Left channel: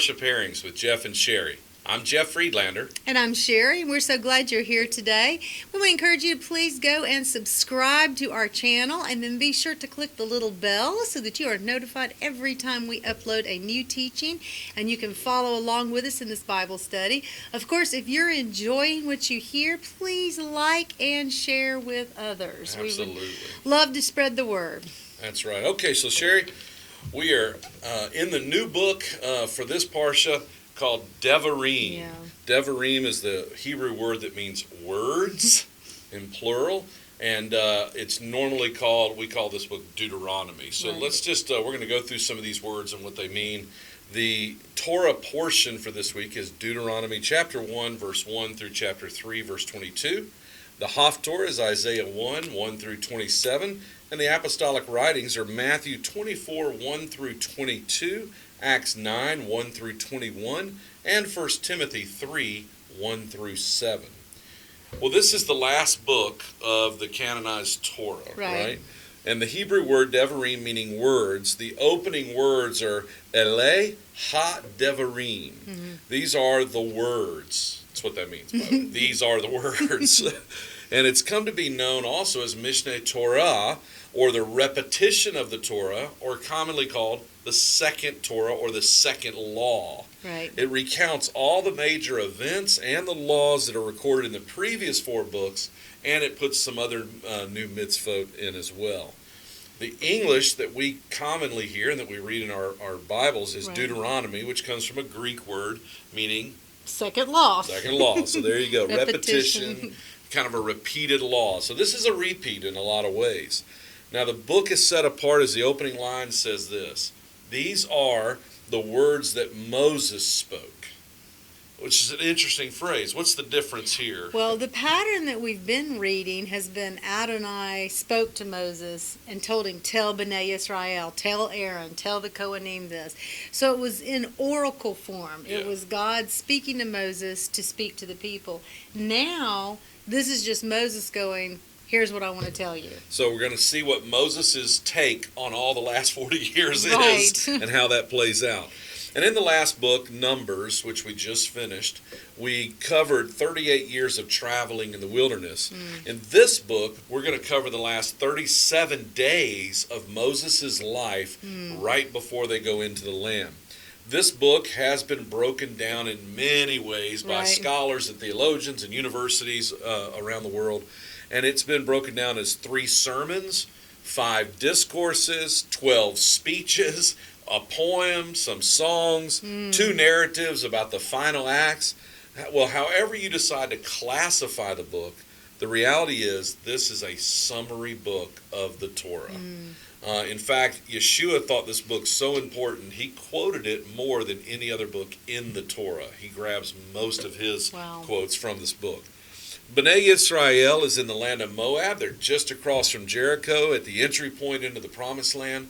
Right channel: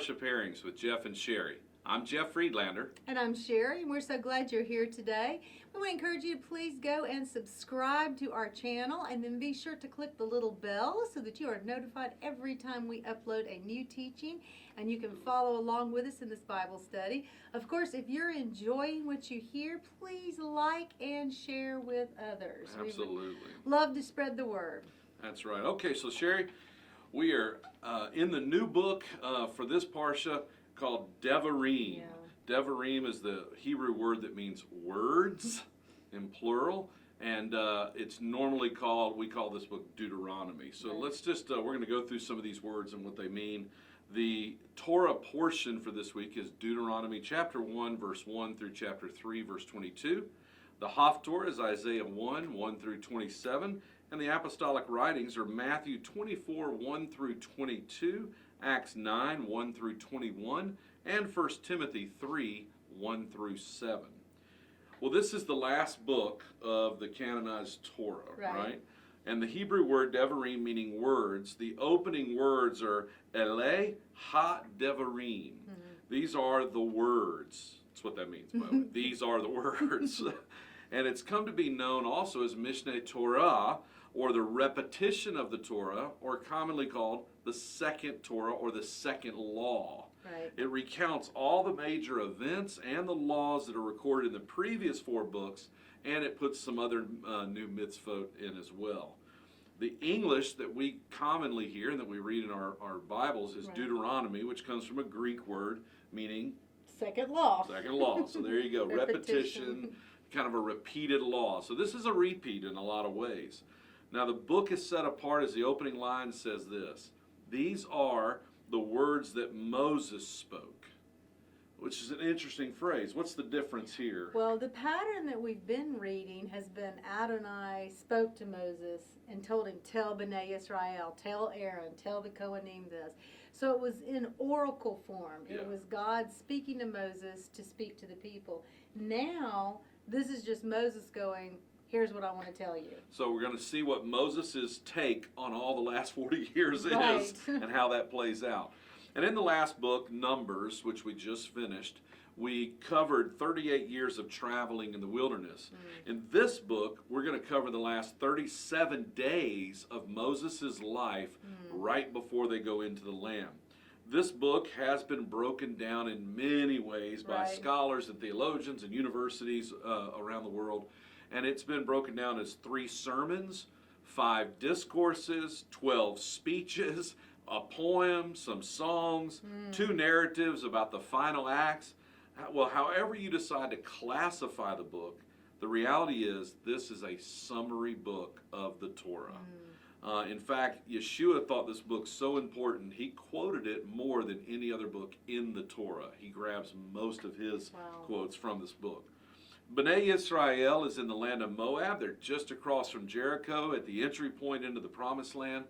Parsha Pairings with Jeff and Sherry. I'm Jeff Friedlander. And I'm Sherry, and we're so glad you're here today. We want to encourage you to please go and subscribe to our channel, and then be sure to click the little bell so that you are notified every time we upload a new teaching, and you can follow along with us in this Bible study. Of course, if you're enjoying what you hear, please like and share with others. Absolutely. We would love to spread the word. That's right. Okay, so Sherry, we are in the new book for this Parsha called Devarim. Yeah. Devarim is the Hebrew word that means words in plural, and it's normally we call this book Deuteronomy. So Right. let's just, we're going to go through some of these words and what they mean. The Torah portion for this week is Deuteronomy chapter 1, verse 1 through chapter 3, verse 22. The Haftorah is Isaiah 1, 1 through 27. And the apostolic writings are Matthew 24, 1 through 22, Acts 9, 1 through 21, and 1 Timothy 3, 1 through 7. Well, this is the last book of the canonized Torah, right? And the Hebrew word Devarim, meaning words, the opening words are Ele ha-Devarim. Mm-hmm. These are the words. That's what that means, by the way. These are the words. And it's come to be known also as Mishneh Torah, or the repetition of the Torah, or commonly called the second Torah, or the second law. Right. It recounts all the major events and the laws that are recorded in the previous 4 books, and it puts some other new mitzvot in as well. The English that we commonly hear and that we read in our Bibles is right. Deuteronomy, which comes from a Greek word meaning second law. Second law. So there you go. Repetition, kind of a repeated law. So this is a repeat in a lot of ways. Now the book is set apart as the opening line says this: these are the words that Moses spoke, which is an interesting phrase. What's the difference here? Well, the pattern that we've been reading has been Adonai spoke to Moses and told him, tell Bnei Israel, tell Aaron, tell the Kohanim this. So it was in oracle form. Yeah. It was God speaking to Moses to speak to the people. Now, this is just Moses going, here's what I want to tell you. So we're going to see what Moses' take on all the last 40 years right. is and how that plays out. And in the last book, Numbers, which we just finished, we covered 38 years of traveling in the wilderness. In this book, we're going to cover the last 37 days of Moses' life right before they go into the land. This book has been broken down in many ways by right. scholars and theologians and universities around the world. And it's been broken down as 3 sermons, 5 discourses, 12 speeches, a poem, some songs, 2 narratives about the final acts. Well, however you decide to classify the book, the reality is this is a summary book of the Torah. In fact, Yeshua thought this book so important, he quoted it more than any other book in the Torah. He grabs most of his quotes from this book. Bnei Israel is in the land of Moab. They're just across from Jericho at the entry point into the Promised Land.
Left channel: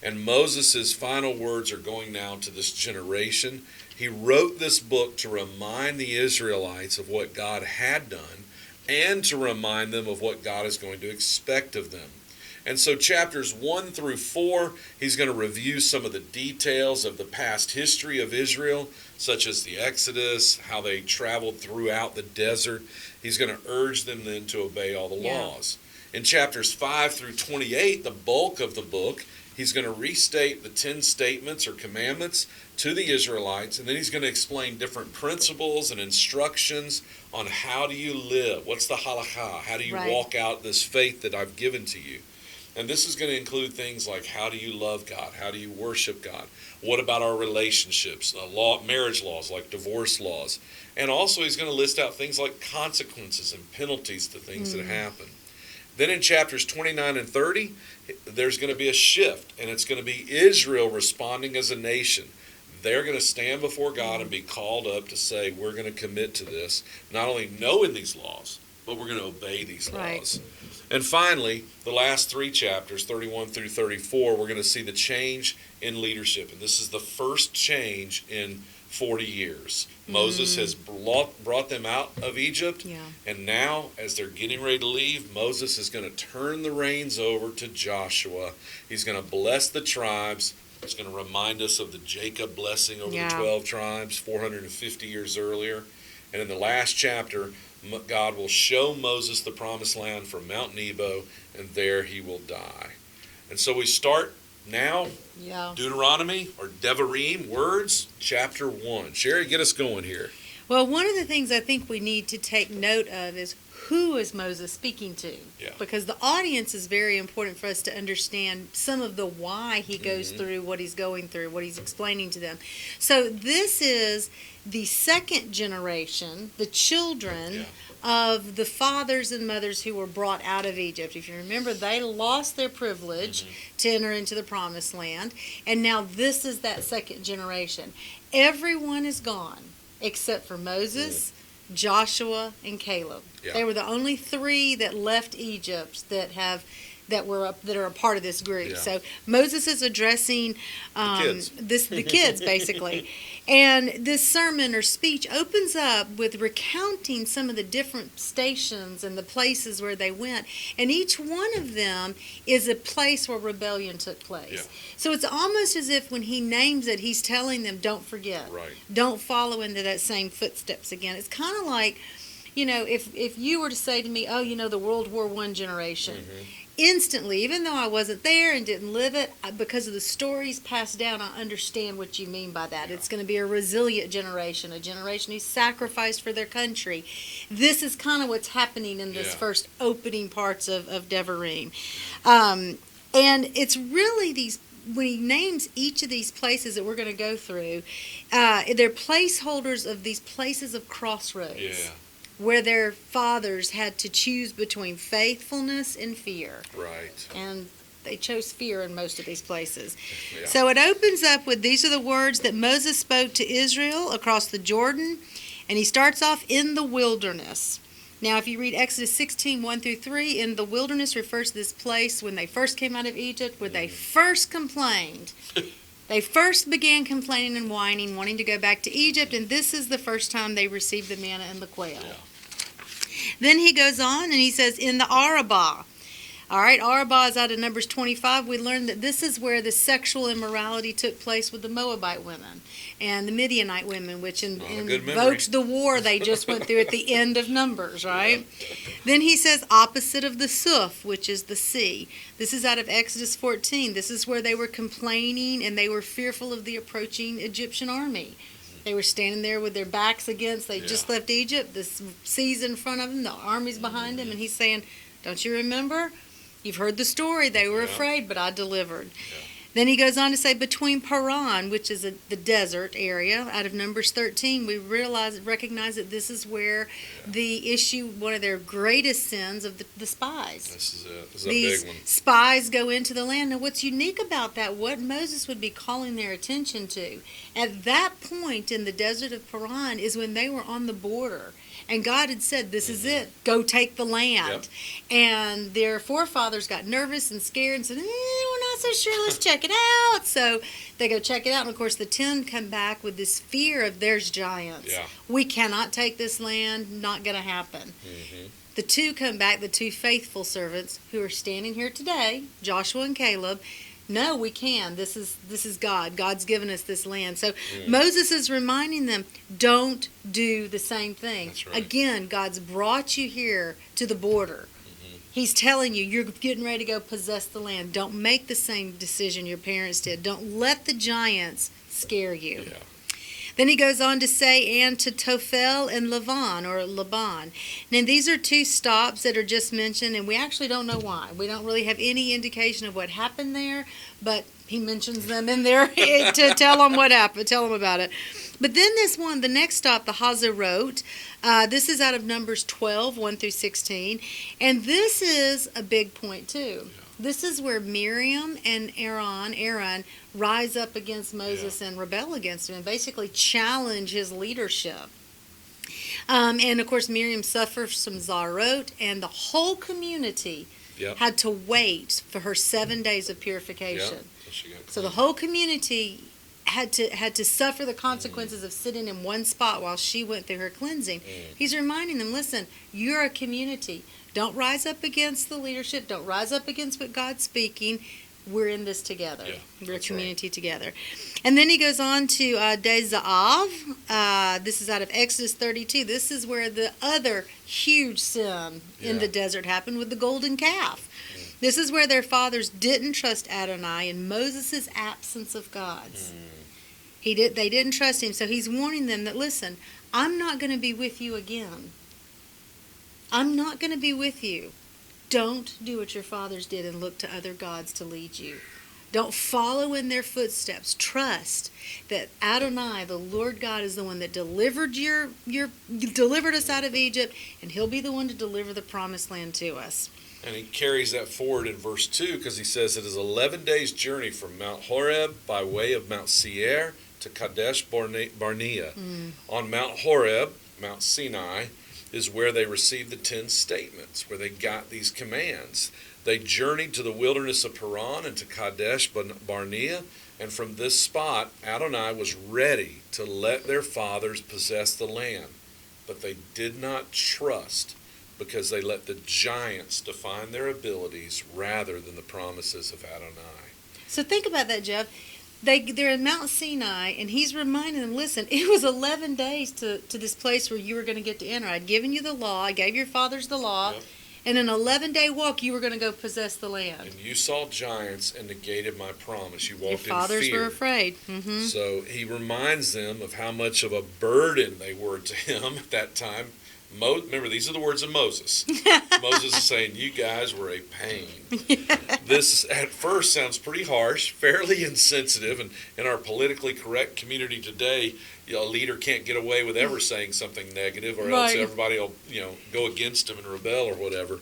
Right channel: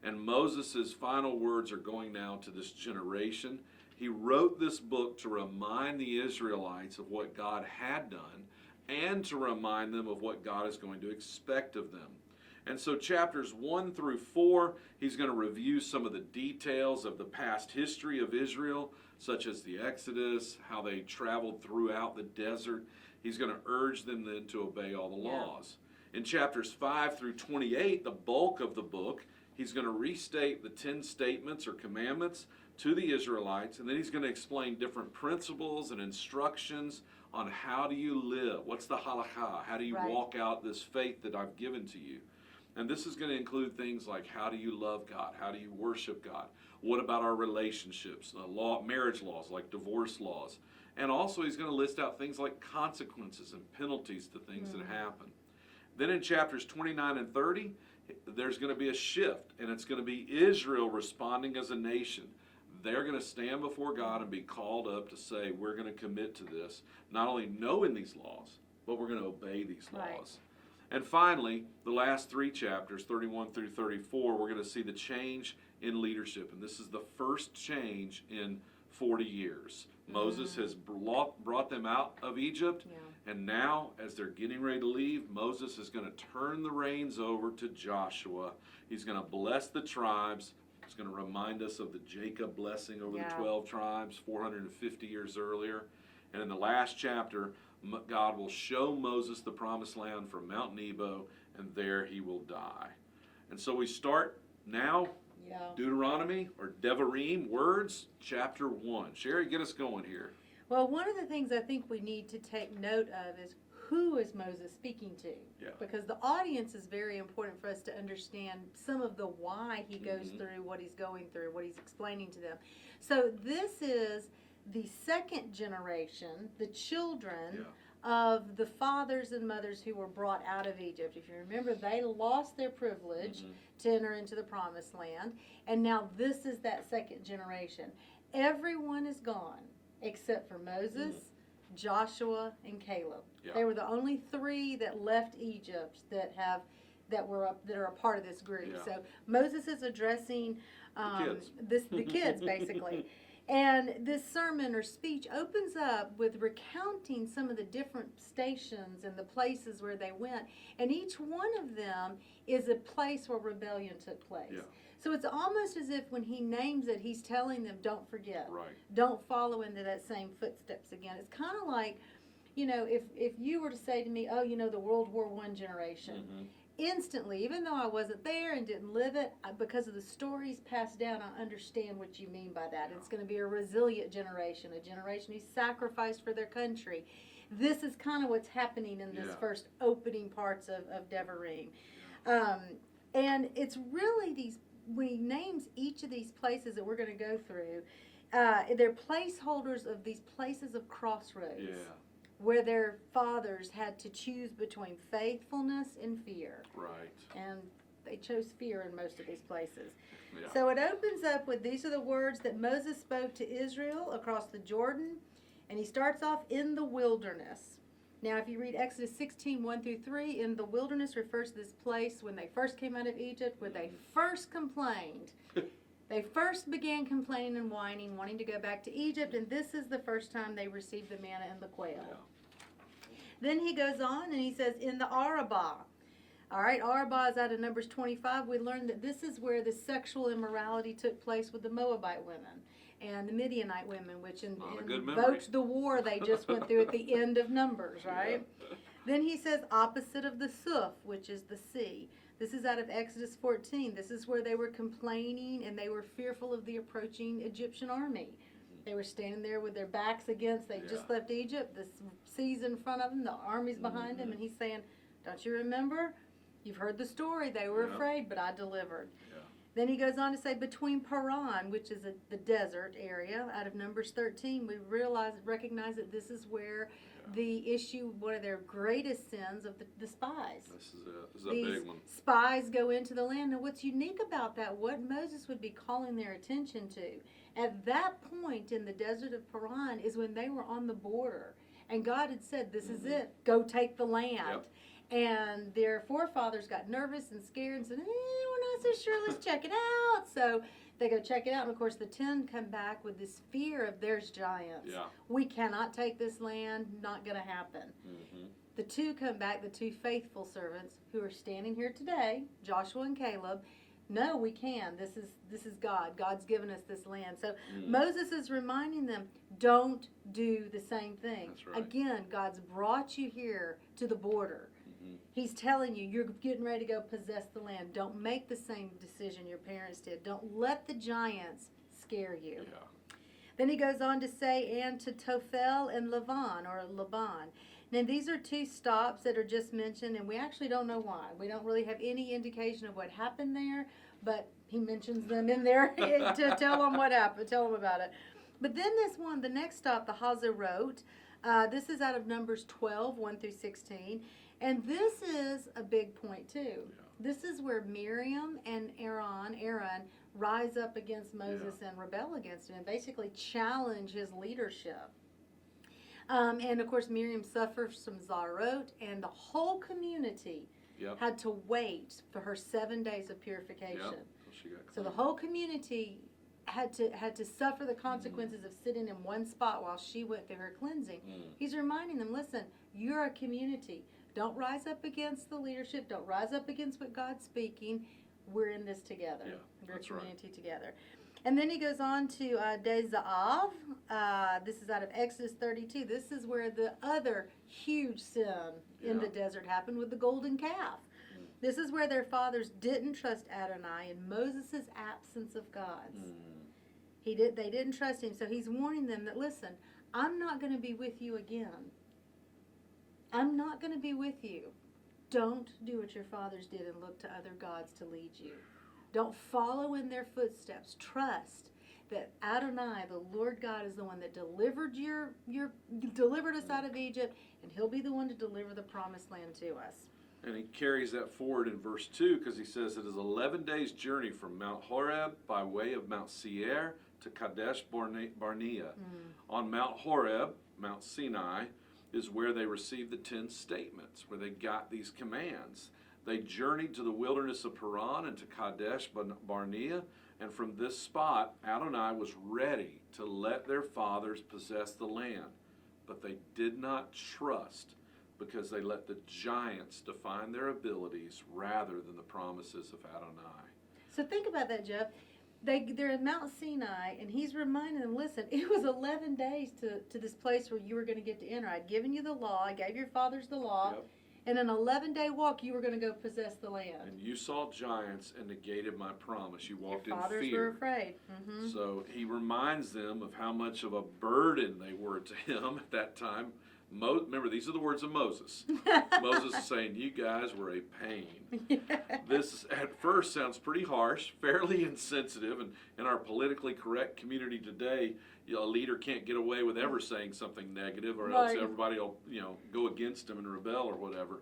And Moses' final words are going now to this generation. He wrote this book to remind the Israelites of what God had done and to remind them of what God is going to expect of them. And so chapters 1 through 4, he's going to review some of the details of the past history of Israel, such as the Exodus, how they traveled throughout the desert. He's going to urge them then to obey all the laws. In chapters 5 through 28, the bulk of the book, he's going to restate the 10 statements or commandments to the Israelites, and then he's going to explain different principles and instructions on how do you live. What's the halakha? How do you walk out this faith that I've given to you? And this is going to include things like how do you love God? How do you worship God? What about our relationships? Marriage laws like divorce laws. And also he's going to list out things like consequences and penalties to things that happen. Then in chapters 29 and 30, there's going to be a shift, and it's going to be Israel responding as a nation. They're going to stand before God and be called up to say, we're going to commit to this, not only knowing these laws, but we're going to obey these laws. And finally, the last 3 chapters, 31 through 34, we're going to see the change in leadership. And this is the first change in 40 years. Moses has brought them out of Egypt, and now, as they're getting ready to leave, Moses is going to turn the reins over to Joshua. He's going to bless the tribes, It's going to remind us of the Jacob blessing over Yeah. the 12 tribes 450 years earlier. And in the last chapter, God will show Moses the promised land from Mount Nebo, and there he will die. And so we start now, Yeah. Deuteronomy, or Devarim, words, chapter 1. Sherry, get us going here. Well, one of the things I think we need to take note of is who is Moses speaking to? Yeah. Because the audience is very important for us to understand some of the why he goes through what he's going through, what he's explaining to them. So this is the second generation, the children of the fathers and mothers who were brought out of Egypt. If you remember, they lost their privilege to enter into the promised land, and now this is that second generation. Everyone is gone except for Moses, Joshua, and Caleb. Yeah. They were the only three that left Egypt that are a part of this group. Yeah. So Moses is addressing kids. the kids basically. And this sermon or speech opens up with recounting some of the different stations and the places where they went. And each one of them is a place where rebellion took place. Yeah. So it's almost as if when he names it, he's telling them, don't forget. Right. Don't follow into that same footsteps again. It's kind of like, if you were to say to me, the World War I generation, instantly, even though I wasn't there and didn't live it, because of the stories passed down, I understand what you mean by that. Yeah. It's going to be a resilient generation, a generation who sacrificed for their country. This is kind of what's happening in this first opening parts of Devarim. And it's really these, when he names each of these places that we're going to go through, they're placeholders of these places of crossroads. Yeah. Where their fathers had to choose between faithfulness and fear. Right. And they chose fear in most of these places. Yeah. So it opens up with, these are the words that Moses spoke to Israel across the Jordan. And he starts off in the wilderness. Now, if you read Exodus 16, 1 through 3, in the wilderness refers to this place when they first came out of Egypt, where they first complained. They first began complaining and whining, wanting to go back to Egypt, and this is the first time they received the manna and the quail. Yeah. Then he goes on and he says, in the Arabah. All right, Arabah is out of Numbers 25. We learned that this is where the sexual immorality took place with the Moabite women and the Midianite women, which invoked the war they just went through at the end of Numbers, right? Yeah. Then he says opposite of the Suf, which is the sea. This is out of Exodus 14. This is where they were complaining and they were fearful of the approaching Egyptian army. They were standing there with their backs against, they just left Egypt, the sea's in front of them, the army's behind them, and he's saying, don't you remember? You've heard the story. They were afraid, but I delivered. Yeah. Then he goes on to say, between Paran, which is the desert area, out of Numbers 13, we recognize that this is where the issue, one of their greatest sins of the spies. This is it. This is These a big one. spies go into the land. And what's unique about that, what Moses would be calling their attention to, at that point in the desert of Paran is when they were on the border. And God had said, this is it. Go take the land. Yep. And their forefathers got nervous and scared and said, we're not so sure. Let's check it out. So they go check it out. And, of course, the 10 come back with this fear of there's giants. Yeah. We cannot take this land. Not going to happen. Mm-hmm. The 2 come back, the 2 faithful servants who are standing here today, Joshua and Caleb. No, we can. This is God. God's given us this land. So Moses is reminding them, don't do the same thing. That's right. Again, God's brought you here to the border. Mm-hmm. He's telling you, you're getting ready to go possess the land. Don't make the same decision your parents did. Don't let the giants scare you. Yeah. Then he goes on to say, and to Tophel and Laban. Now, these are 2 stops that are just mentioned, and we actually don't know why. We don't really have any indication of what happened there, but he mentions them in there to tell them what happened, tell them about it. But then this one, the next stop, the Hazarot, this is out of Numbers 12, 1 through 16, and this is a big point, too. This is where Miriam and Aaron rise up against Moses and rebel against him and basically challenge his leadership. And, of course, Miriam suffers some zarot, and the whole community had to wait for her 7 days of purification. So the whole community had to suffer the consequences of sitting in one spot while she went through her cleansing. He's reminding them, listen, you're a community. Don't rise up against the leadership. Don't rise up against what God's speaking. we're in this together. Yeah, We're a that's community together. And then he goes on to Devarim. This is out of Exodus 32. This is where the other huge sin in the desert happened with the golden calf. Mm. This is where their fathers didn't trust Adonai in Moses' absence of God's. They didn't trust him, so he's warning them that, listen, I'm not going to be with you again. I'm not going to be with you. Don't do what your fathers did and look to other gods to lead you. Don't follow in their footsteps. Trust that Adonai, the Lord God, is the one that delivered delivered us out of Egypt, and he'll be the one to deliver the promised land to us. And he carries that forward in verse 2 because he says it is 11 days' journey from Mount Horeb by way of Mount Seir to Kadesh Barnea. On Mount Horeb, Mount Sinai, is where they received the 10 statements, where they got these commands. They journeyed to the wilderness of Paran and to Kadesh Barnea, and from this spot, Adonai was ready to let their fathers possess the land. But they did not trust because they let the giants define their abilities rather than the promises of Adonai. So think about that, Jeff. They're in Mount Sinai, and he's reminding them, listen, it was 11 days to this place where you were going to get to enter. I'd given you the law. I gave your fathers the law. Yep. And in an 11-day walk, you were going to go possess the land. And you saw giants and negated my promise. You walked in fear. Your fathers were afraid. Mm-hmm. So he reminds them of how much of a burden they were to him at that time. Remember, these are the words of Moses. Moses is saying, you guys were a pain. Yeah. This, at first, sounds pretty harsh, fairly insensitive, and in our politically correct community today, a leader can't get away with ever saying something negative, or else everybody will, go against him and rebel or whatever.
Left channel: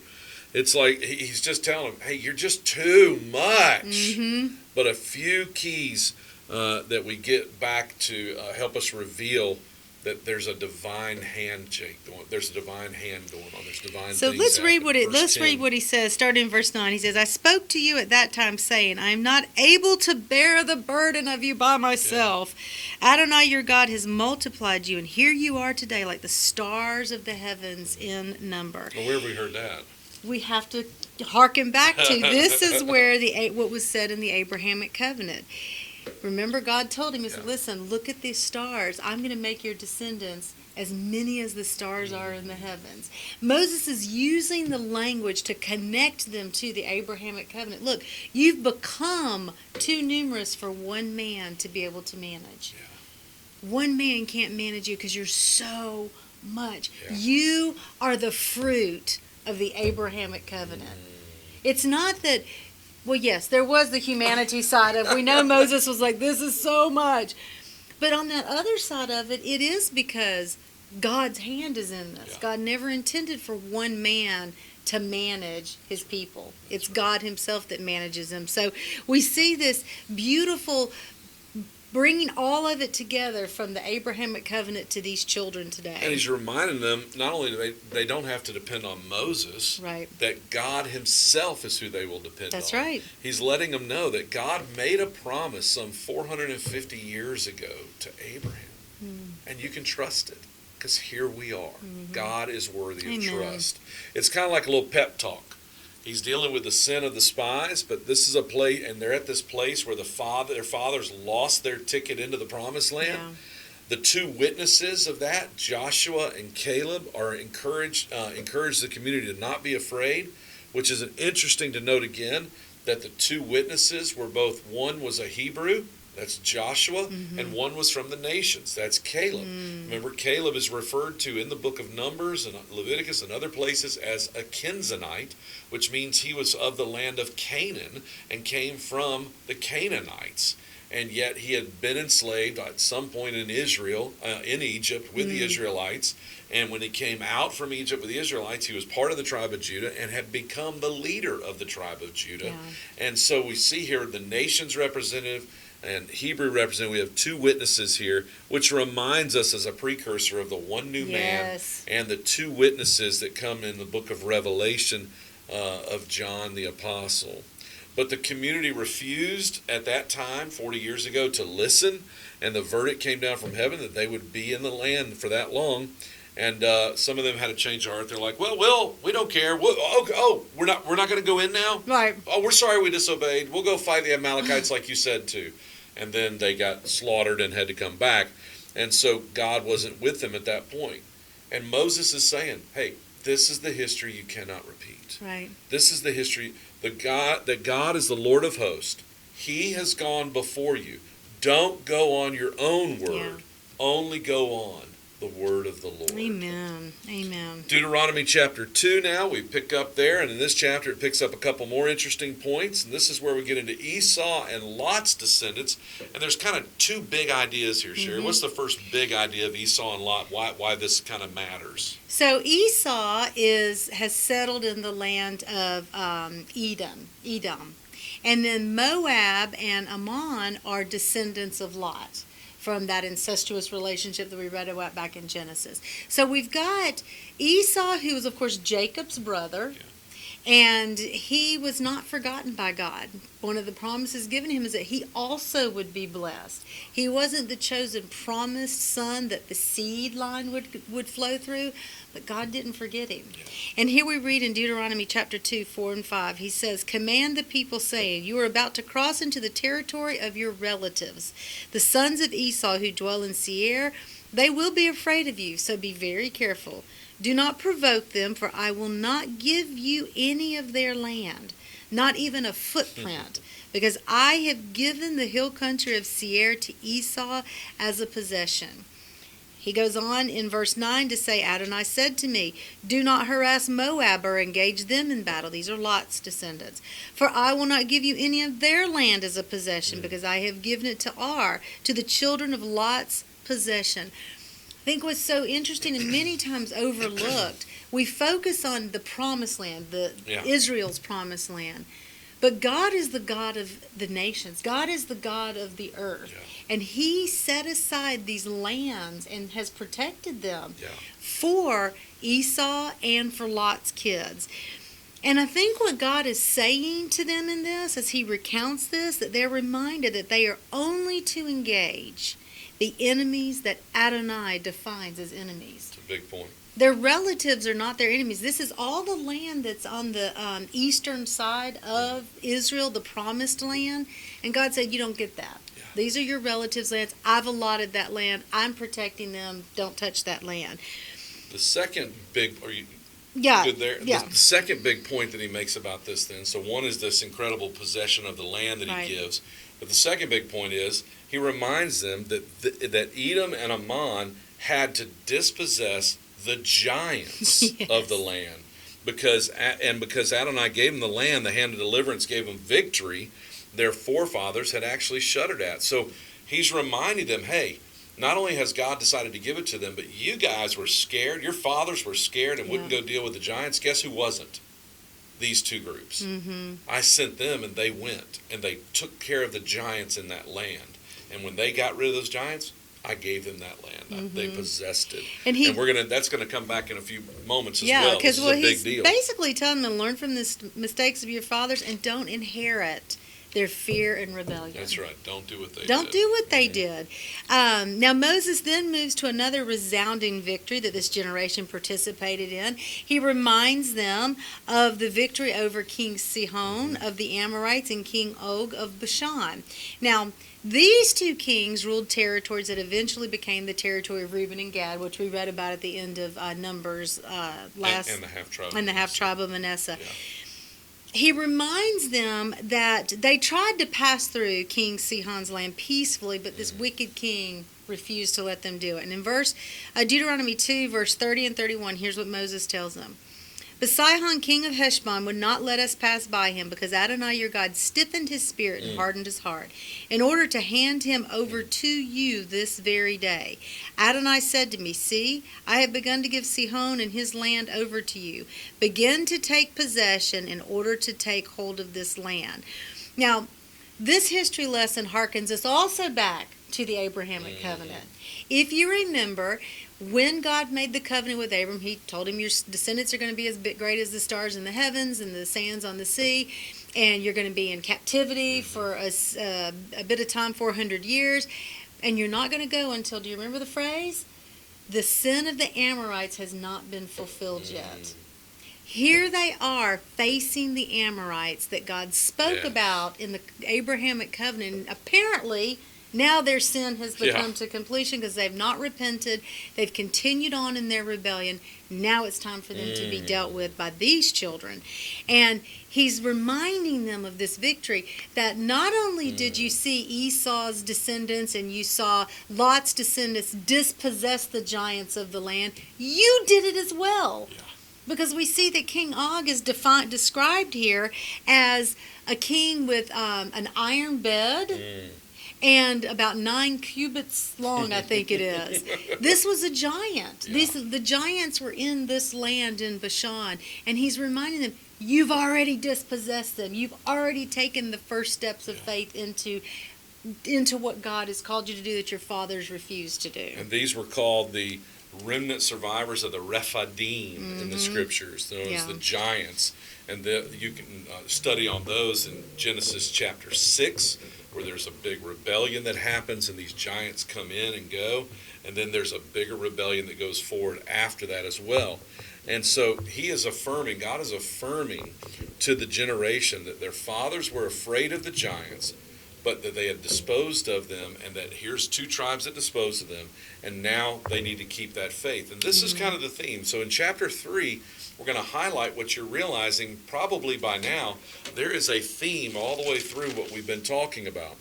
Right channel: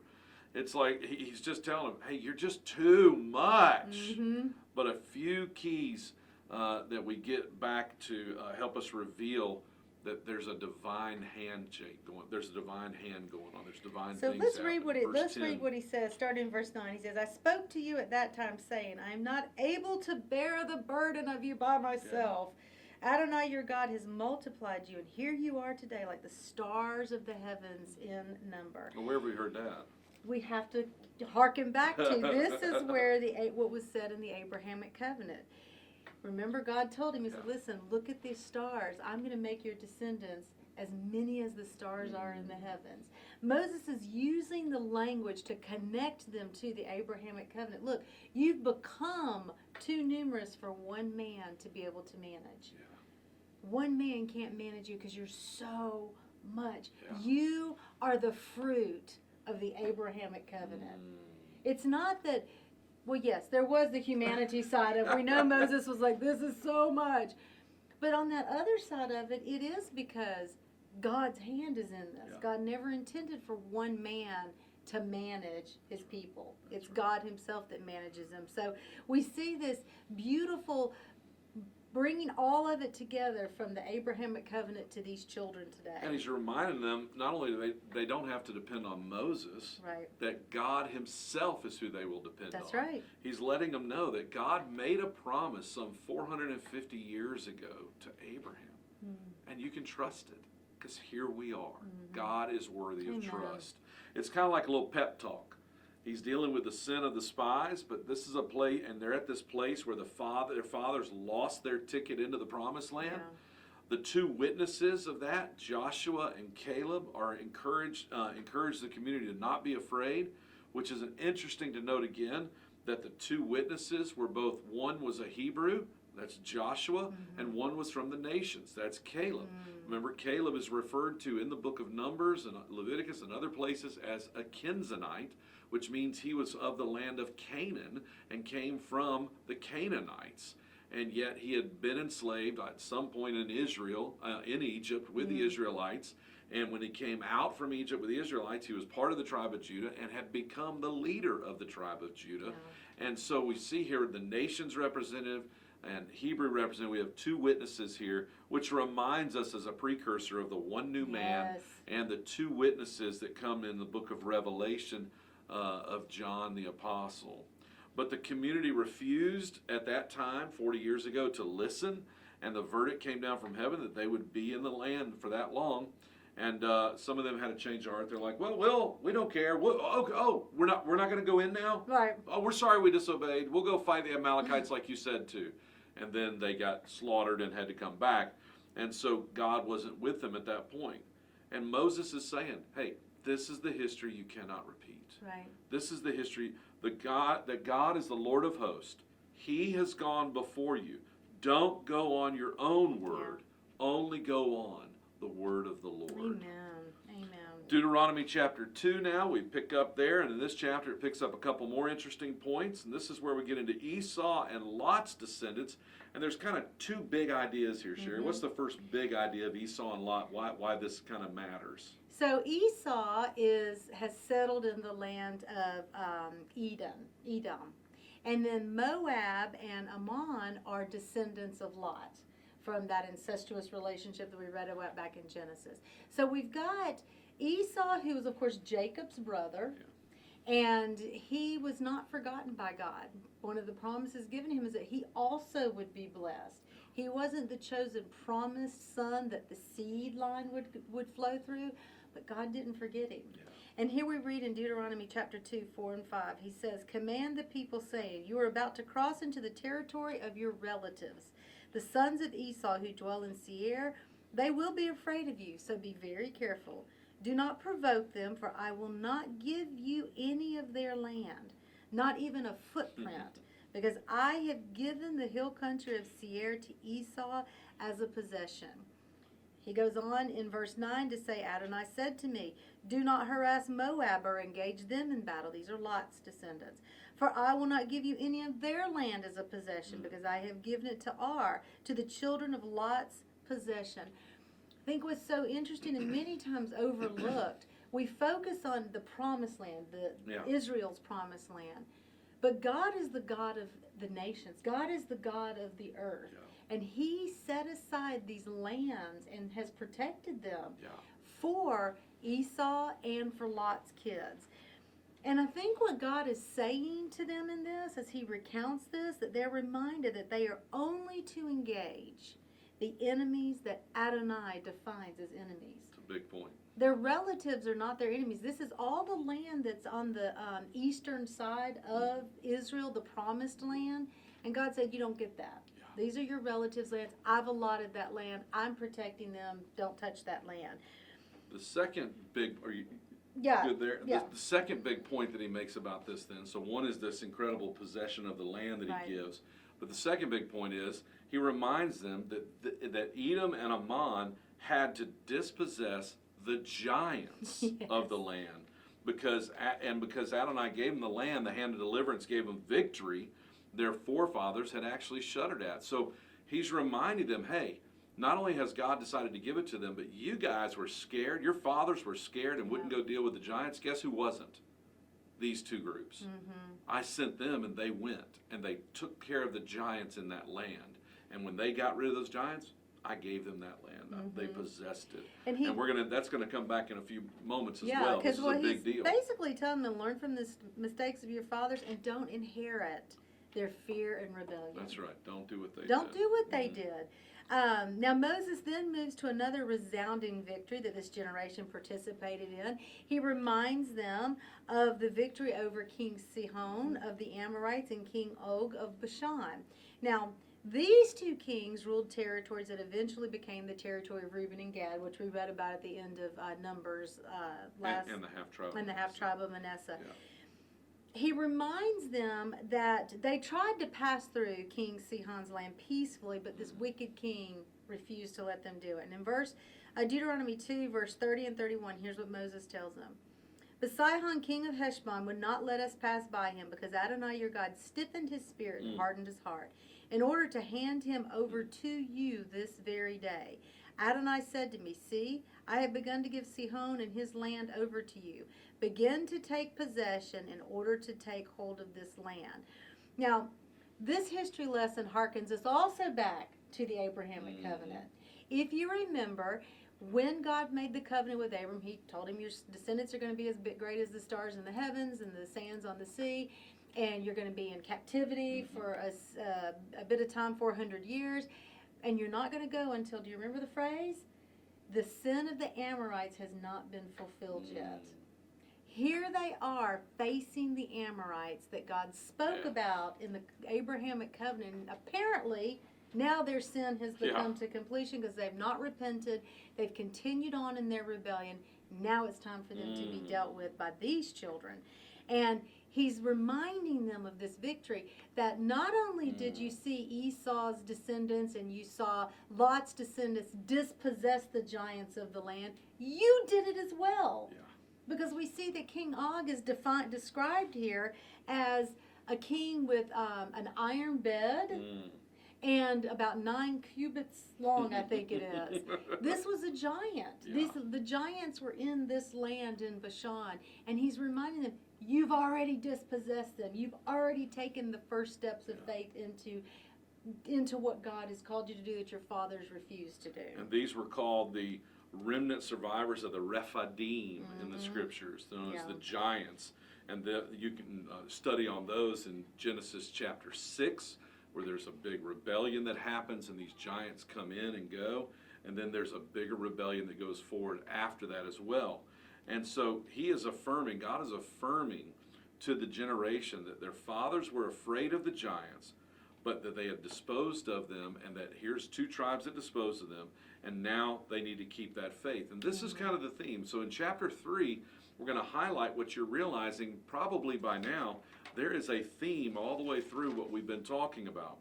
It's like he's just telling them, hey, you're just too much. Mm-hmm. But a few keys that we get back to help us reveal that there's a divine handshake going. There's a divine hand going on. There's divine. So things let's read happening. read what he says. Starting in verse 9, he says, "I spoke to you at that time, saying, I am not able to bear the burden of you by myself. Yeah. Adonai, your God, has multiplied you, and here you are today, like the stars of the heavens in number." Well, where have we heard that? We have to hearken back to this is where what was said in the Abrahamic covenant. Remember, God told him, he said, listen, look at these stars. I'm going to make your descendants as many as the stars are in the heavens. Moses is using the language to connect them to the Abrahamic covenant. Look, you've become too numerous for one man to be able to manage. Yeah. One man can't manage you because you're so much. Yeah. You are the fruit of the Abrahamic covenant. It's not that... Well, yes, there was the humanity side of it. We know Moses was like, this is so much. But on that other side of it, it is because God's hand is in this. Yeah. God never intended for one man to manage his people. It's God himself that manages them. So we see this beautiful bringing all of it together from the Abrahamic covenant to these children today. And he's reminding them not only do they don't have to depend on Moses, right, that God himself is who they will depend on. That's right. He's letting them know that God made a promise some 450 years ago to Abraham. And you can trust it because here we are. Mm-hmm. God is worthy of trust. It's kind of like a little pep talk. He's dealing with the sin of the spies, but this is a place, and they're at this place where their fathers lost their ticket into the promised land. Yeah. The two witnesses of that, Joshua and Caleb, are encourage the community to not be afraid, which is interesting to note again that the two witnesses were both, one was a Hebrew, that's Joshua, and one was from the nations, that's Caleb. Remember, Caleb is referred to in the book of Numbers and Leviticus and other places as a Kenizzite, which means he was of the land of Canaan and came from the Canaanites. And yet he had been enslaved at some point in Israel, in Egypt, with the Israelites. And when he came out from Egypt with the Israelites, he was part of the tribe of Judah and had become the leader of the tribe of Judah. Yeah. And so we see here the nation's representative and Hebrew representative. We have two witnesses here, which reminds us as a precursor of the one new man and the two witnesses that come in the book of Revelation of John the Apostle. But the community refused at that time, 40 years ago, to listen, and the verdict came down from heaven that they would be in the land for that long. And some of them had a change of heart. They're like, well, we don't care. We're not going to go in now. Right. Oh, we're sorry we disobeyed. We'll go fight the Amalekites like you said to. And then they got slaughtered and had to come back. And so God wasn't with them at that point. And Moses is saying, hey, this is the history you cannot repeat. Right. This is the history. That God is the Lord of hosts. He has gone before you. Don't go on your own word. Yeah. Only go on the word of the Lord. Amen. Amen. Deuteronomy chapter 2 now, we pick up there, and in this chapter it picks up a couple more interesting points, and this is where we get into Esau and Lot's descendants, and there's kind of two big ideas here, Sherry. What's the first big idea of Esau and Lot, why this kind of matters? So Esau has settled in the land of Edom. And then Moab and Ammon are descendants of Lot from that incestuous relationship that we read about back in Genesis. So we've got Esau, who was, of course, Jacob's brother, and he was not forgotten by God. One of the promises given him is that he also would be blessed. He wasn't the chosen promised son that the seed line would flow through, but God didn't forget him. Yeah. And here we read in Deuteronomy chapter 2, 4 and 5, he says, "Command the people, saying, you are about to cross into the territory of your relatives, the sons of Esau who dwell in Seir. They will be afraid of you, so be very careful. Do not provoke them, for I will not give you any of their land, not even a footprint, because I have given the hill country of Seir to Esau as a possession." He goes on in verse 9 to say, Adonai said to me, do not harass Moab or engage them in battle. These are Lot's descendants. For I will not give you any of their land as a possession, because I have given it to Ar, to the children of Lot's possession. I think what's so interesting and many times overlooked, we focus on the promised land, Israel's promised land. But God is the God of the nations. God is the God of the earth. Yeah. And he set aside these lands and has protected them Yeah. for Esau and for Lot's kids. And I think what God is saying to them in this, as he recounts this, that they're reminded that they are only to engage the enemies that Adonai defines as enemies. It's a big point. Their relatives are not their enemies. This is all the land that's on the eastern side of Israel, the promised land. And God said, you don't get that. Yeah. These are your relatives' lands. I've allotted that land. I'm protecting them. Don't touch that land. The second big, are you good there? Yeah. The second big point that he makes about this then, so one is this incredible possession of the land that he gives. But the second big point is he reminds them that Edom and Ammon had to dispossess the giants of the land, because Adonai gave them the land, the hand of deliverance gave them victory. Their forefathers had actually shuddered at. So he's reminding them, hey, not only has God decided to give it to them, but you guys were scared. Your fathers were scared and wouldn't go deal with the giants. Guess who wasn't? These two groups. Mm-hmm. I sent them, and they went, and they took care of the giants in that land. And when they got rid of those giants, I gave them that land. Mm-hmm. They possessed it. And that's going to come back in a few moments as well. This is a big deal. Basically telling them to learn from the mistakes of your fathers and don't inherit their fear and rebellion. That's right. Don't do what they did. Don't do what they did. Now Moses then moves to another resounding victory that this generation participated in. He reminds them of the victory over King Sihon of the Amorites and King Og of Bashan. Now, these two kings ruled territories that eventually became the territory of Reuben and Gad, which we read about at the end of Numbers last. And the half-tribe. And the half-tribe of Manasseh. Yeah. He reminds them that they tried to pass through King Sihon's land peacefully, but this wicked king refused to let them do it. And in Deuteronomy 2, verse 30 and 31, here's what Moses tells them. But Sihon, king of Heshbon, would not let us pass by him, because Adonai your God stiffened his spirit and hardened his heart, in order to hand him over to you this very day. Adonai said to me, see, I have begun to give Sihon and his land over to you. Begin to take possession in order to take hold of this land. Now, this history lesson harkens us also back to the Abrahamic covenant. If you remember, when God made the covenant with Abram, he told him your descendants are going to be as great as the stars in the heavens and the sands on the sea, and you're going to be in captivity for a bit of time, 400 years, and you're not going to go until, do you remember the phrase? the sin of the Amorites has not been fulfilled yet. Here they are facing the Amorites that God spoke about in the Abrahamic covenant. And apparently, now their sin has become to completion because they've not repented. They've continued on in their rebellion. Now it's time for them to be dealt with by these children. And he's reminding them of this victory, that not only did you see Esau's descendants and you saw Lot's descendants dispossess the giants of the land, you did it as well. Yeah. Because we see that King Og is described here as a king with an iron bed and about 9 cubits long, I think it is. This was a giant. Yeah. The giants were in this land in Bashan, and he's reminding them, you've already dispossessed them. You've already taken the first steps of faith into what God has called you to do that your fathers refused to do. And these were called the remnant survivors of the Rephidim in the scriptures, known as the giants. And you can study on those in Genesis chapter 6, where there's a big rebellion that happens and these giants come in and go. And then there's a bigger rebellion that goes forward after that as well. And so God is affirming to the generation that their fathers were afraid of the giants, but that they had disposed of them, and that here's 2 tribes that disposed of them, and now they need to keep that faith. And this is kind of the theme. So in chapter 3, we're going to highlight what you're realizing probably by now. There is a theme all the way through what we've been talking about.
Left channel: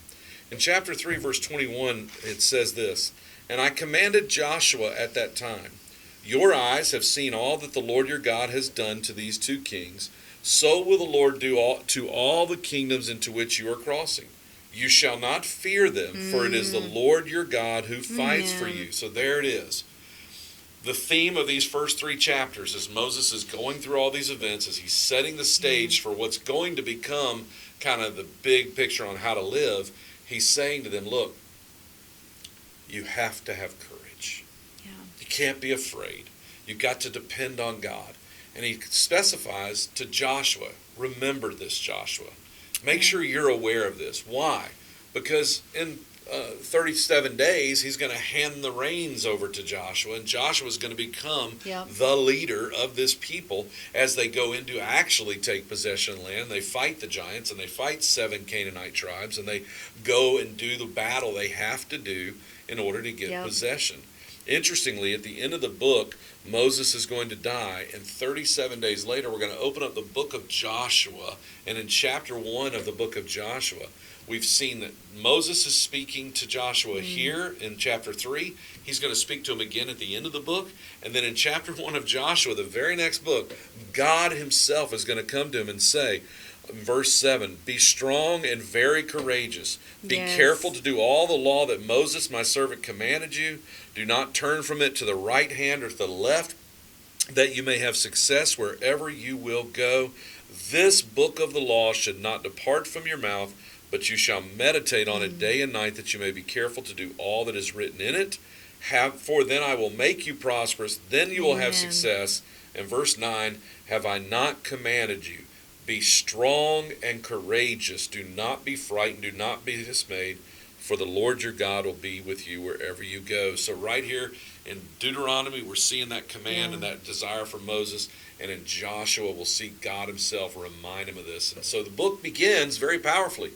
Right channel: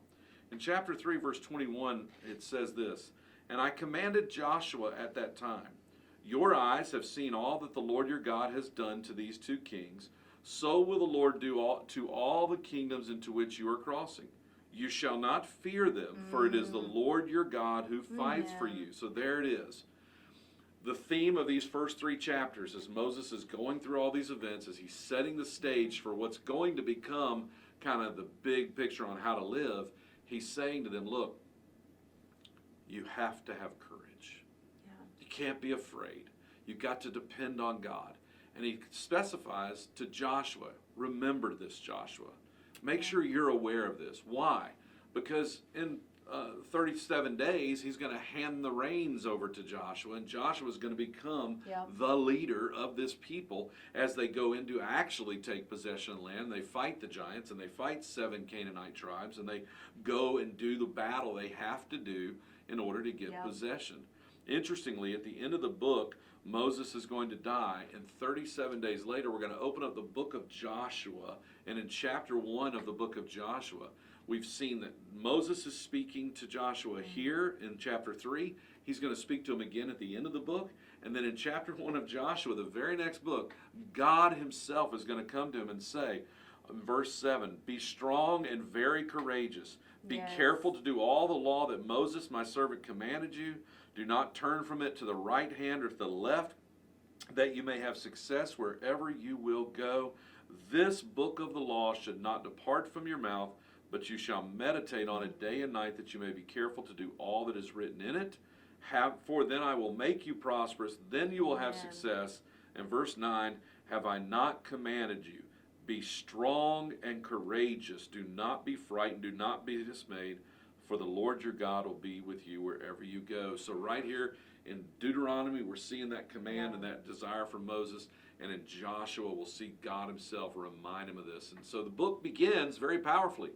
In chapter 3, verse 21, it says this, "And I commanded Joshua at that time, your eyes have seen all that the Lord your God has done to these 2 kings. So will the Lord do to all the kingdoms into which you are crossing. You shall not fear them, for it is the Lord your God who fights for you." So there it is. The theme of these first 3 chapters, as Moses is going through all these events, as he's setting the stage for what's going to become kind of the big picture on how to live, he's saying to them, look, you have to have courage. Yeah. You can't be afraid. You've got to depend on God. And he specifies to Joshua, remember this, Joshua. Make sure you're aware of this. Why? Because in 37 days, he's going to hand the reins over to Joshua, and Joshua is going to become the leader of this people as they go in to actually take possession of the land. They fight the giants, and they fight 7 Canaanite tribes, and they go and do the battle they have to do in order to get possession. Interestingly, at the end of the book, Moses is going to die, and 37 days later, we're going to open up the book of Joshua, and in chapter 1 of the book of Joshua, we've seen that Moses is speaking to Joshua here in chapter 3. He's going to speak to him again at the end of the book, and then in chapter 1 of Joshua, the very next book, God himself is going to come to him and say, verse 7, "Be strong and very courageous. Be careful to do all the law that Moses, my servant, commanded you. Do not turn from it to the right hand or to the left, that you may have success wherever you will go. This book of the law should not depart from your mouth, but you shall meditate on it day and night, that you may be careful to do all that is written in it. For then I will make you prosperous, then you will have success." And verse 9, "Have I not commanded you? Be strong and courageous. Do not be frightened. Do not be dismayed. For the Lord your God will be with you wherever you go." So right here in Deuteronomy, we're seeing that command and that desire for Moses. And in Joshua, we'll see God himself remind him of this. And so the book begins very powerfully.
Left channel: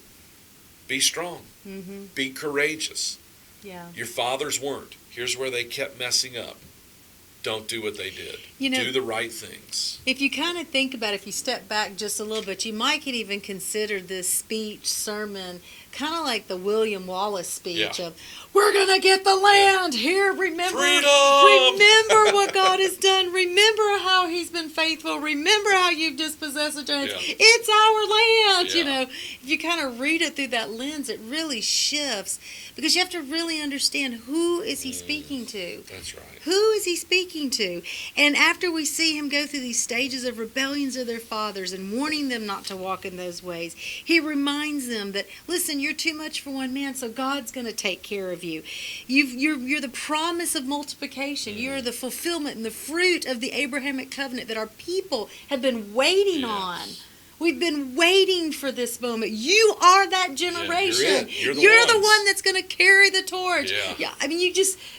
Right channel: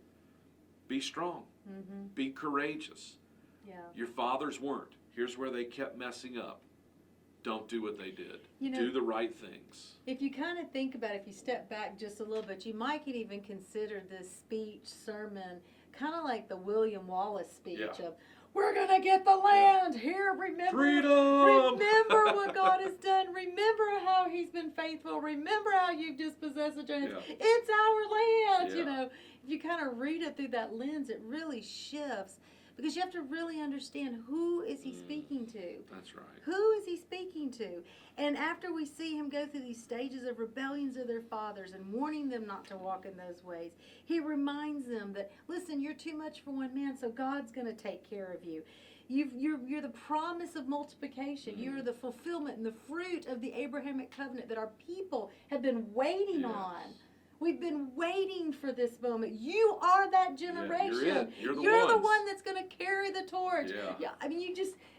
Be strong. Be courageous. Your fathers weren't. Here's where they kept messing up. Don't do what they did. Do the right things. If you kind of think about it, if you step back just a little bit, you might could even consider this speech, sermon, kind of like the William Wallace speech of, we're going to get the land. Here, remember. Freedom! Remember what God has done. Remember how he's been faithful. Remember how you've dispossessed the giants. It's our land. You know, if you kind of read it through that lens, it really shifts. Because you have to really understand, who is he speaking to? That's right. Who is he speaking to? And after we see him go through these stages of rebellions of their fathers and warning them not to walk in those ways, he reminds them that, listen, you're too much for one man, so God's going to take care of you. You're the promise of multiplication. You're the fulfillment and the fruit of the Abrahamic covenant that our people have been waiting on. We've been waiting for this moment. You are that generation. You're the ones. one that's going to carry the torch. Yeah. I mean,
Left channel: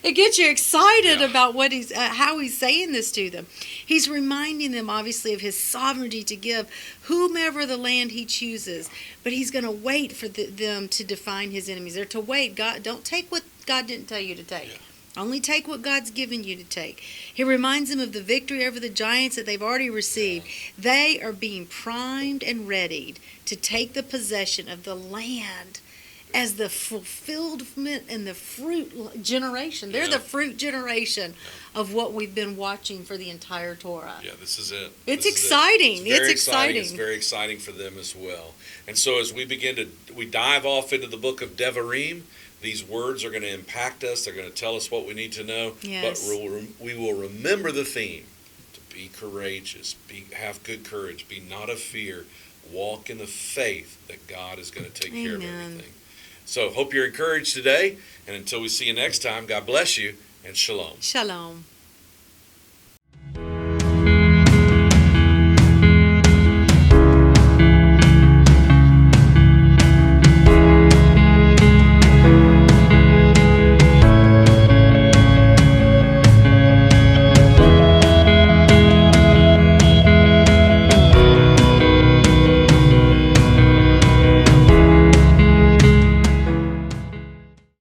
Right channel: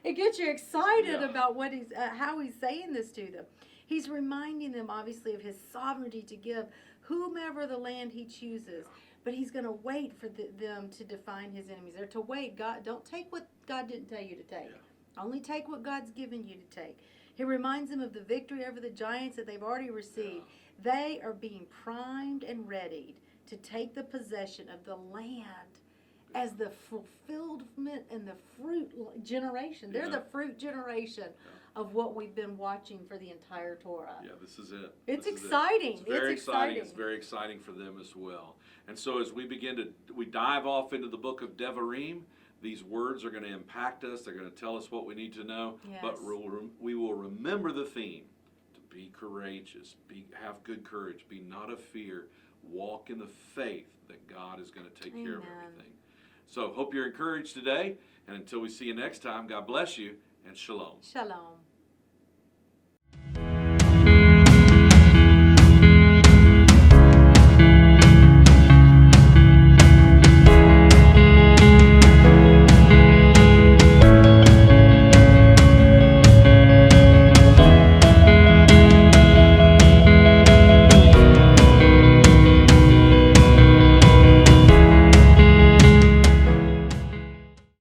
it gets you excited Yeah. about what how he's saying this to them. He's reminding them, obviously, of his sovereignty to give whomever the land he chooses. But he's going to wait for them to define his enemies. They're to wait. God, don't take what God didn't tell you to take. Yeah. Only take what God's given you to take. He reminds them of the victory over the giants that they've already received. Yeah. They are being primed and readied to take the possession of the land as the fulfillment and the fruit generation. They're Yeah. the fruit generation of what we've been watching for the entire Torah. Yeah, this is it. It's This is it. exciting. It's very It's exciting. It's very exciting for them as well. And so as we dive off into the book of Devarim, these words are going to impact us. They're going to tell us what we need to know. Yes. But we will remember the theme: to be courageous, have good courage, be not of fear, walk in the faith that God is going to take care of Amen. everything. So hope you're encouraged today. And until we see you next time, God bless you and shalom. Shalom.